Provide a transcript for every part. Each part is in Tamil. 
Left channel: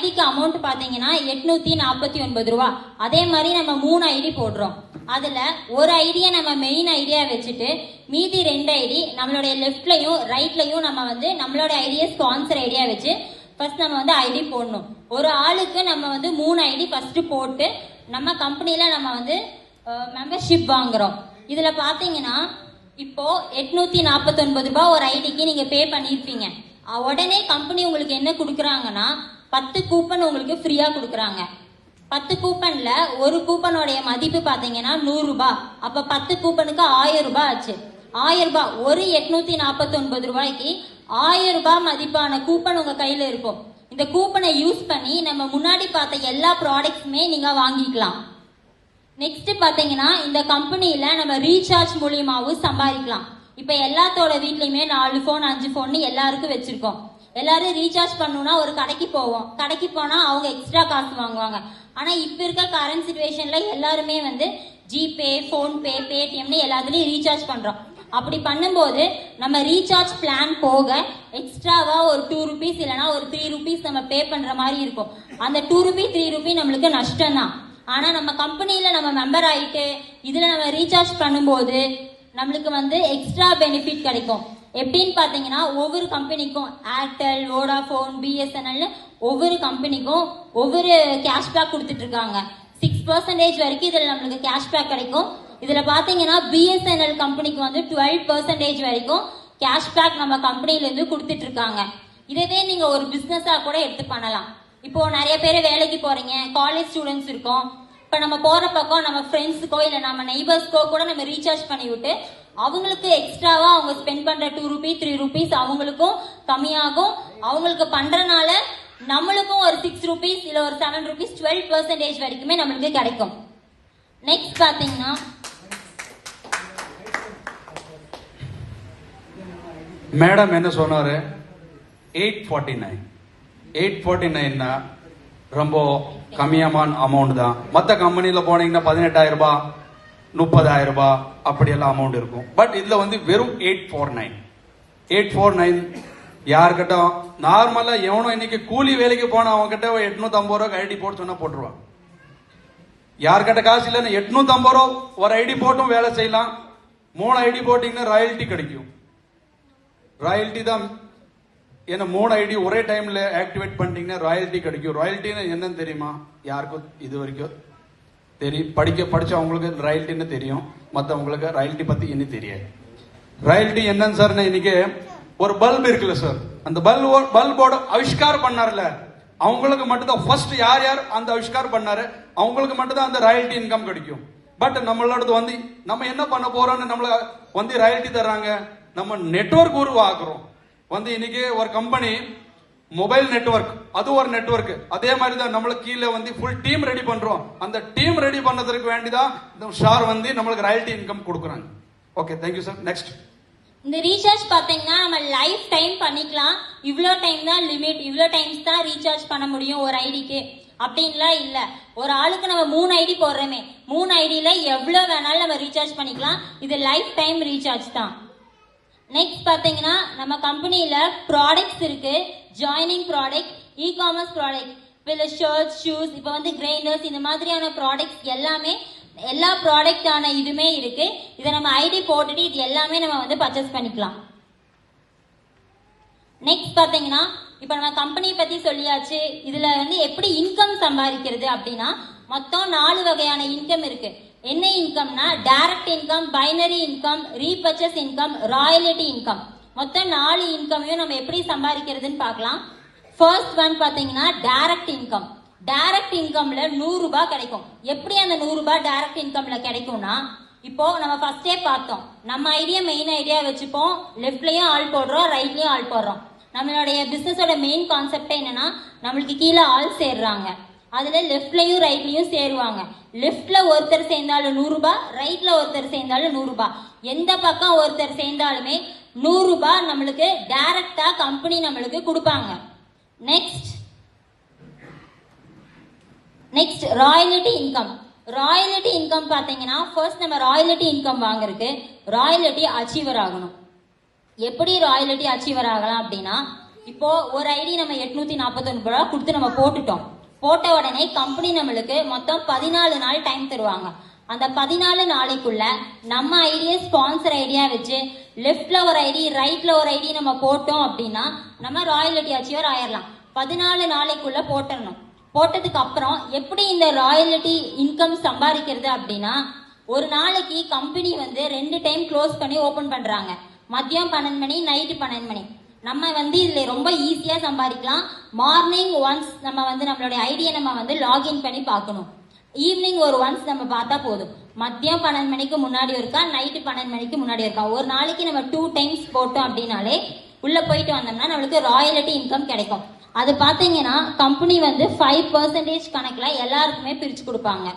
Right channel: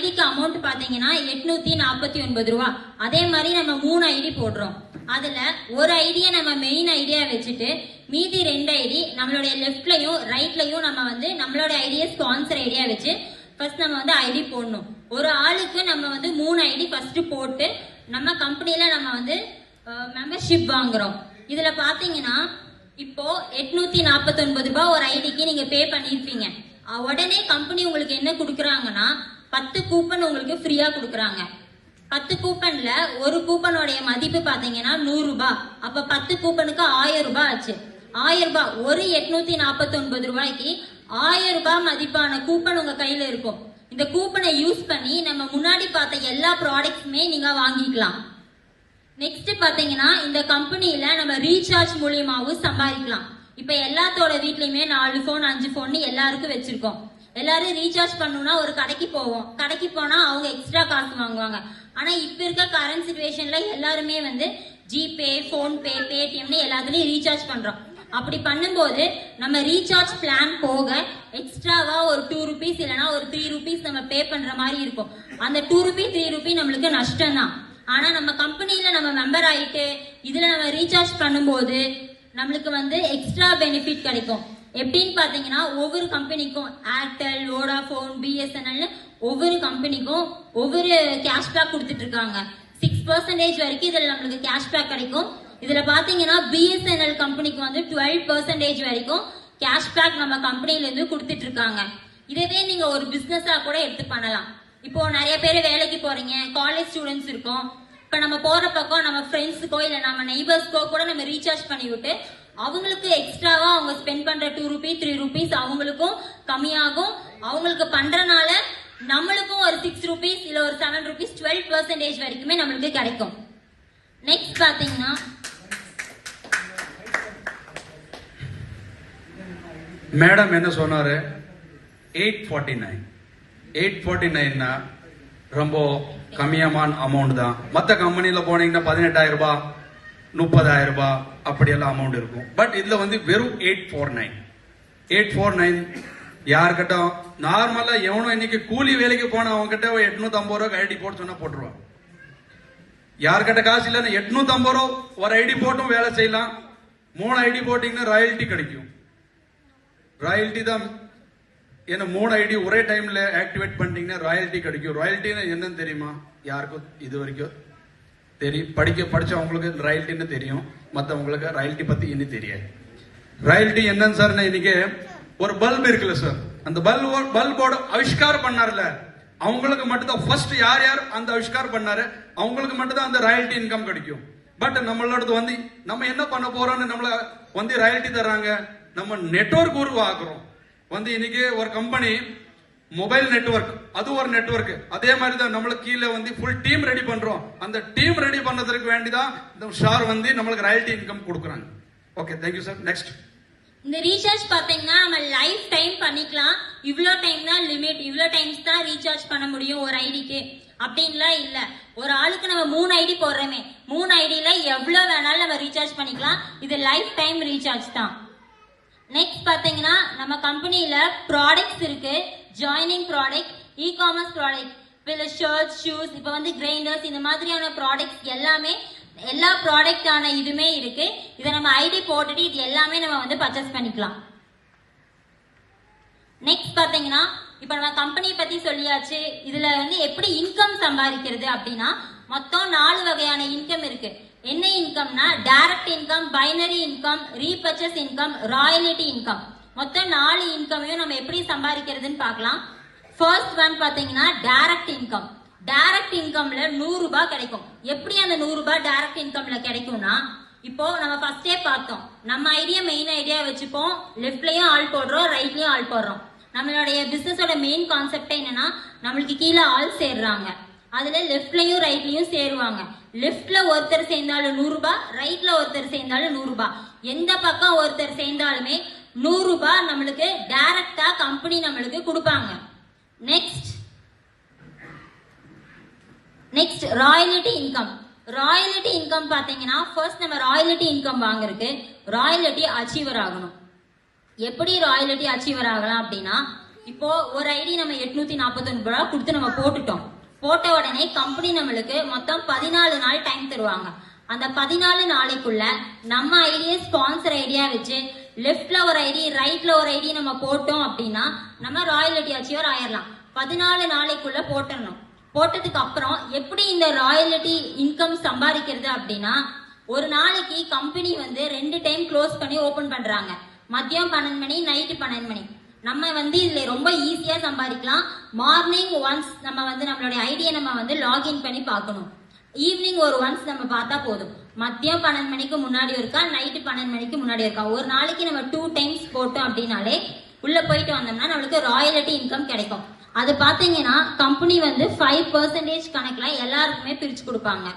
ஐடிக்கு அமௌண்ட் பாத்தீங்கன்னா 849 ரூபா. அதே மாதிரி நம்ம 3 ஐடி போடுறோம். அதுல ஒரு ஐடியா நம்ம மெயின் ஐடியா வச்சுட்டு மீதி 2 ஐடி நம்மளுடைய லெஃப்ட்லயும் ரைட்லயும் நம்ம வந்து நம்மளோட ஐடியா ஸ்பான்சர் ஐடியா வச்சு ஃபர்ஸ்ட் நம்ம வந்து ஐடி போடணும். ஒரு ஆளுக்கு நம்ம வந்து 3 ஐடி ஃபர்ஸ்ட் போட்டு நம்ம கம்பெனில நம்ம வந்து மெம்பர்ஷிப் வாங்குறோம். இதுல பாத்தீங்கன்னா இப்போ 849 ரூபாய் ஒரு ஐடிக்கு நீங்க பே பண்ணிருப்பீங்க. உடனே கம்பெனி உங்களுக்கு என்ன கொடுக்குறாங்கன்னா 10 கூப்பன் உங்களுக்கு ஃப்ரீயா கொடுக்குறாங்க. 10 கூப்பன்ல ஒரு கூப்பனோடைய மதிப்பு பாத்தீங்கன்னா 100 ரூபாய். அப்ப 10 கூப்பனுக்கு 1000 ரூபாய் ஆச்சு. 1000 ரூபாய் ஒரு 849 ரூபாய்க்கு 1000 ரூபாய் மதிப்பான கூப்பன் உங்க கையில இருக்கும். இந்த கூப்பனை யூஸ் பண்ணி நம்ம முன்னாடி பார்த்த எல்லா ப்ராடக்ட்ஸுமே நீங்க வாங்கிக்கலாம். நெக்ஸ்ட் பாத்தீங்கன்னா இந்த கம்பெனில நம்ம ரீசார்ஜ் மூலியமாவும் சம்பாதிக்கலாம். இப்ப எல்லாத்தோட வீட்லயுமே 4 போன் 5 போன் எல்லாருக்கும் வச்சிருக்கோம். எல்லாரும் ரீசார்ஜ் பண்ணணும்னா ஒரு கடைக்கு போவோம். கடைக்கு போனா அவங்க எக்ஸ்ட்ரா காசு வாங்குவாங்க. ஆனா இப்ப இருக்க கரண்ட் சிச்சுவேஷன்ல எல்லாருமே வந்து ஜிபே, போன்பே, பேடிஎம்னு எல்லாத்துலயும் ரீசார்ஜ் பண்றோம். அப்படி பண்ணும்போது நம்ம ரீசார்ஜ் பிளான் போக எக்ஸ்ட்ராவா ஒரு 2 rupees இல்லைன்னா ஒரு 3 rupees நம்ம பே பண்ற மாதிரி இருக்கும். அந்த 2 rupee 3 rupee நம்மளுக்கு நஷ்டம் தான். ஆனா நம்ம கம்பெனில நம்ம மெம்பர் ஆயிட்டு இதுல நம்ம ரீசார்ஜ் பண்ணும்போது நம்மளுக்கு வந்து எக்ஸ்ட்ரா பெனிஃபிட் கிடைக்கும். எப்படின்னு பாத்தீங்கன்னா ஒவ்வொரு கம்பெனிக்கும் ஏர்டெல், வோடாஃபோன், பிஎஸ்என்எல் ஒவ்வொரு கம்பெனிக்கும் ஒவ்வொரு கேஷ்பேக் கொடுத்துட்டு இருக்காங்க. 6% வரைக்கும் இதுல நம்மளுக்கு கேஷ்பேக் கிடைக்கும். இதுல பாத்தீங்கன்னா பிஎஸ்என்எல் கம்பெனிக்கு வந்து 12% வரைக்கும் கேஷ்பேக் நம்ம கம்பெனில இருந்து கொடுத்துட்டு இருக்காங்க. இதவே நீங்க ஒரு பிசினஸா கூட எடுத்து பண்ணலாம். இப்போ நிறைய பேர் வேலைக்கு போறீங்க, காலேஜ் ஸ்டூடெண்ட்ஸ் இருக்கோம். இப்ப நம்ம போற பக்கம் நம்ம ஃப்ரெண்ட்ஸுக்கோ இல்ல நம்ம நெய்பர்ஸ்க்கோ கூட நம்ம ரீசார்ஜ் பண்ணி விட்டு அவங்களுக்கு எக்ஸ்ட்ராவா அவங்க ஸ்பெண்ட் பண்ற 2 rupees 3 rupees அவங்களுக்கும் கம்மியாகும். அவங்களுக்கு பண்றனால நம்மளுக்கும் ஒரு 6 rupees இல்ல ஒரு 7 rupees 12% வரைக்குமே நம்மளுக்கு கிடைக்கும். நெக்ஸ்ட் பாத்தீங்கன்னா மேடம் என்ன சொன்னாரு, 849 ரொம்ப கம்மியமான அமௌண்ட் தான். மற்ற கம்பெனில போனீங்கன்னா 18,000 ரூபாய் 30,000 ரூபாய் அப்படியெல்லாம் அமௌண்ட் இருக்கும். பட் இதுல வந்து வெறும் 849 யாருக்கிட்ட நார்மலா எவனோ இன்னைக்கு கூலி வேலைக்கு போன அவங்க கிட்ட 850 ரூபாய் ஐடி போட்டு சொன்னா போட்டுருவான். யாருக்கிட்ட காசு இல்லைன்னா 850 ரூபாய் ஒரு ஐடி போட்டும் வேலை செய்யலாம். 3 ஐடி போட்டீங்கன்னா ராயல்டி கிடைக்கும். ராயல்டி தான் ஏன்னா 3 ஐடி ஒரே டைம்ல ஆக்டிவேட் பண்ணிட்டீங்கன்னா ராயல்டி கிடைக்கும். ராயல்டின்னு என்னன்னு தெரியுமா? யாருக்கும் இது வரைக்கும் தெரியும். படிச்சவங்களுக்கு ராயல்டின்னு தெரியும், மற்றவங்களுக்கு ராயல்டி பத்தி இன்னும் தெரியாது. ராயல்டி என்னன்னு சார், இன்னைக்கு ஒரு பல்ப் இருக்குல்ல சார், அந்த பல்போட ஆவிஷ்காரம் பண்ணார்ல அவங்களுக்கு மட்டும்தான் ஃபர்ஸ்ட் யார் அந்த ஆவிஷ்காரம் பண்ணாரு அவங்களுக்கு மட்டும்தான் அந்த ராயல்டி இன்கம் கிடைக்கும். பட் நம்மளோட வந்து நம்ம என்ன பண்ண போறோம்னு நம்மள வந்து ராயல்டி தர்றாங்க. நம்ம நெட்வொர்க் உருவாக்குறோம். வந்து இன்னைக்கு ஒரு கம்பெனி மொபைல் நெட்வொர்க், அது ஒரு நெட்வொர்க். அதே மாதிரி தான் நம்மளுக்கு கீழே வந்து ஃபுல் டீம் ரெடி பண்றோம். அந்த டீம் ரெடி பண்ணதுக்கு வேண்டிதான் இந்த ஷார் வந்து நம்மளுக்கு ராயல்டி இன்கம் கொடுக்குறாங்க. Okay, thank you sir. நெக்ஸ்ட் இந்த ரீசார்ஜ் பாத்தீங்கன்னா நம்ம லைஃப் டைம் பண்ணிக்கலாம். இவ்வளோ டைம் தான் லிமிட், இவ்வளோ டைம்ஸ் தான் ரீசார்ஜ் பண்ண முடியும் ஒரு ஐடிக்கு அப்படின்லாம் இல்ல. ஒரு ஆளுக்கு நம்ம 3 ஐடி போடுறோமே, 3 ஐடியில எவ்வளவு வேணாலும் நம்ம ரீசார்ஜ் பண்ணிக்கலாம். இது லைஃப் டைம் ரீசார்ஜ் தான். நெக்ஸ்ட் பாத்தீங்கன்னா நம்ம கம்பெனில ப்ராடக்ட்ஸ் இருக்கு. ஜாயினிங் ப்ராடக்ட், இ-காமர்ஸ் ப்ராடக்ட், இப்ப ஷர்ட், ஷூஸ், இப்ப வந்து கிரைண்டர்ஸ், இந்த மாதிரியான ப்ராடக்ட்ஸ் எல்லாமே எல்லா ப்ராடக்டான இதுமே இருக்கு. இதை நம்ம ஐடி போட்டுட்டு இது எல்லாமே நம்ம வந்து பர்ச்சேஸ் பண்ணிக்கலாம். நெக்ஸ்ட் பாத்தீங்கன்னா இப்ப நம்ம கம்பெனி பத்தி சொல்லியாச்சு. இதுல வந்து எப்படி இன்கம் சம்பாதிக்கிறது அப்படின்னா மொத்தம் 4 வகையான இன்கம் இருக்கு. என்ன இன்கம்னா direct income, binary income, repurchase income, royalty income. மொத்தம் 4 இன்கமையும் நம்ம எப்படி சம்பாதிக்கிறதுன்னு பார்க்கலாம். ஃபர்ஸ்ட் ஒன் பாத்தீங்கன்னா டைரக்ட் இன்கம். டைரக்ட் இன்கம்ல 100 ரூபாய் கிடைக்கும். எப்படி அந்த 100 ரூபாய் டைரக்ட் இன்கம்ல கிடைக்கும்னா, இப்போ நம்ம ஃபர்ஸ்டே பார்த்தோம், நம்ம ஐடியா மெயின் ஐடியா வச்சுப்போம். லெஃப்ட்லயும் ஆள் போடுறோம், ரைட்லயும் ஆள் போடுறோம். நம்மளுடைய பிசினஸோட மெயின் கான்செப்டே என்னன்னா நம்மளுக்கு கீழே ஆள் சேர்றாங்க. அதுல லெஃப்ட்லயும் ரைட்லயும் சேருவாங்க. லெஃப்ட்ல ஒருத்தர் சேர்ந்தாலும் 100 ரூபாய், ரைட்ல ஒருத்தர் சேர்ந்தாலும் 100 ரூபாய். எந்த பக்கம் ஒருத்தர் சேர்ந்தாலுமே 100 ரூபாய் நம்மளுக்கு டைரக்டா கம்பெனி நம்மளுக்கு கொடுப்பாங்க. Next royalty income. Royalty income பாத்தீங்கன்னா ஃபர்ஸ்ட் நம்ம ராயல்டி இன்கம் வாங்குறதுக்கு ராயல்டி அச்சீவர் ஆகணும். எப்படி ராயல்டி அச்சீவர் ஆகலாம் அப்படின்னா, இப்போ ஒரு ஐடி நம்ம 849 ரூபா கொடுத்து நம்ம போட்டுட்டோம். போட்ட உடனே கம்பெனி நம்மளுக்கு மொத்தம் 14 நாள் டைம் தருவாங்க. அந்த 14 நாளைக்குள்ள நம்ம ஐடியா ஸ்பான்சர் ஐடியா வச்சு லெஃப்ட்ல ஒரு ஐடி ரைட்ல ஒரு ஐடி நம்ம போட்டோம் அப்படின்னா நம்ம ராயல்டி அச்சீவர் ஆயிரலாம். 14 நாளைக்குள்ள போட்டுறணும். போட்டதுக்கு அப்புறம் எப்படி இந்த ராயல்டி இன்கம் சம்பாதிக்கிறது அப்படின்னா, ஒரு நாளைக்கு கம்பெனி வந்து 2 டைம் க்ளோஸ் பண்ணி ஓபன் பண்றாங்க. மதியம் 12 மணி, நைட்டு 12 மணி. நம்ம வந்து இதுல ரொம்ப ஈஸியா சம்பாதிக்கலாம். மார்னிங் ஒன்ஸ் நம்ம வந்து நம்மளுடைய ஐடியா நம்ம வந்து லாகின் பண்ணி பார்க்கணும். ஈவினிங் ஒரு ஒன்ஸ் நம்ம பார்த்தா போதும். மதியம் 12 மணிக்கு முன்னாடி இருக்கா, நைட்டு 12 மணிக்கு முன்னாடி இருக்கா, ஒரு நாளைக்கு நம்ம 2 டைம்ஸ் போட்டோம் அப்படின்னாலே உள்ள போயிட்டு வந்தோம்னா நம்மளுக்கு ராயல்டி இன்கம் கிடைக்கும். அது பாத்தீங்கன்னா கம்பெனி வந்து 5% கணக்குல எல்லாருக்குமே பிரிச்சு கொடுப்பாங்க.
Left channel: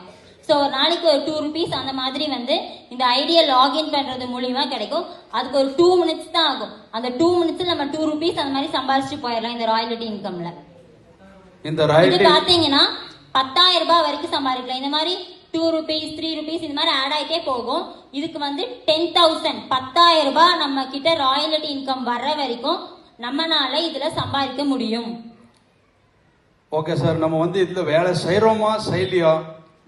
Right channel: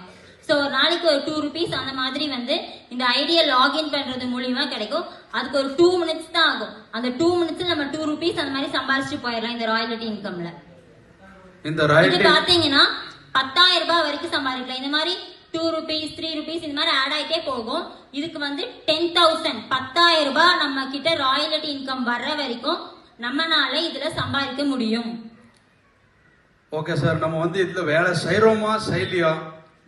ஸோ ஒரு நாளைக்கு ஒரு 2 rupees அந்த மாதிரி வந்து இந்த ஐடியா லாகின் பண்றது மூலியமா கிடைக்கும். அதுக்கு ஒரு 2 minutes தான் ஆகும். அந்த 2 minutes நம்ம 2 rupees அந்த மாதிரி சம்பாதிச்சுட்டு போயிடலாம் இந்த ராயல்டி இன்கம்ல. இது பாத்தீங்கன்னா 10,000 ரூபாய் வரைக்கும் சம்பாதிக்கலாம். இந்த மாதிரி 2 rupees 3 rupees இந்த மாதிரி ஆட் ஆயிட்டே போகும். இதுக்கு வந்து 10,000 10,000 ரூபாய் நம்ம கிட்ட ராயல்டி இன்கம் வர்ற வரைக்கும் நம்மனால இதுல சம்பாதிக்க முடியும். ஓகே சார், நம்ம வந்து இதுல வேலை செய்யறோமா செய்யலையா?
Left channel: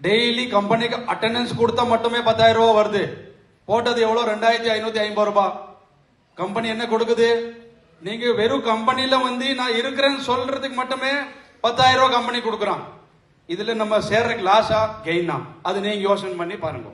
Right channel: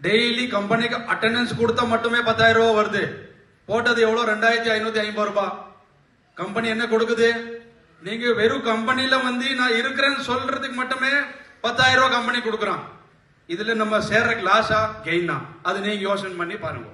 டெய்லி கம்பெனிக்கு அட்டெண்டன்ஸ் கொடுத்தா மட்டுமே 10,000 ரூபாய் வருது. போட்டது எவ்வளவு? 2,550 ரூபாய். கம்பெனி என்ன கொடுக்குது? நீங்க வெறும் கம்பெனில வந்து நான் இருக்கிறேன்னு சொல்றதுக்கு மட்டுமே 10,000 ரூபாய் கம்பெனி கொடுக்குறான். இதுல நம்ம சேர்றதுக்கு லாஸா கெயினா அது நீங்க யோசனை பண்ணி பாருங்க.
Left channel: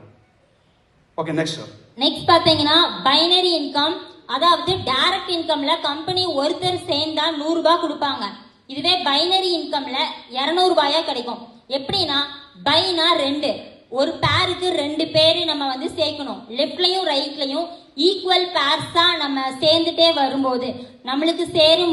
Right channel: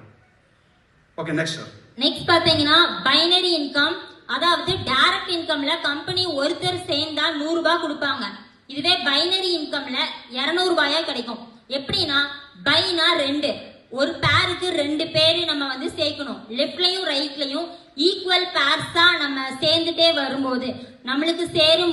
Okay, next sir. நெக்ஸ்ட் பாத்தீங்கன்னா பைனரி இன்கம். அதாவது டைரக்ட் இன்கம்ல கம்பெனி ஒருத்தர் சேர்ந்தா 100 ரூபாய் கொடுப்பாங்க. இதுவே பைனரி இன்கம்ல 200 ரூபாயா கிடைக்கும். எப்படின்னா பைனா 2, ஒரு பேருக்கு 2 பேரு நம்ம வந்து சேர்க்கணும். லெஃப்ட்லயும் ரைட்லயும் ஈக்குவல் பேர்ஸா நம்ம சேர்ந்துட்டே வரும்போது நம்மளுக்கு சேரும்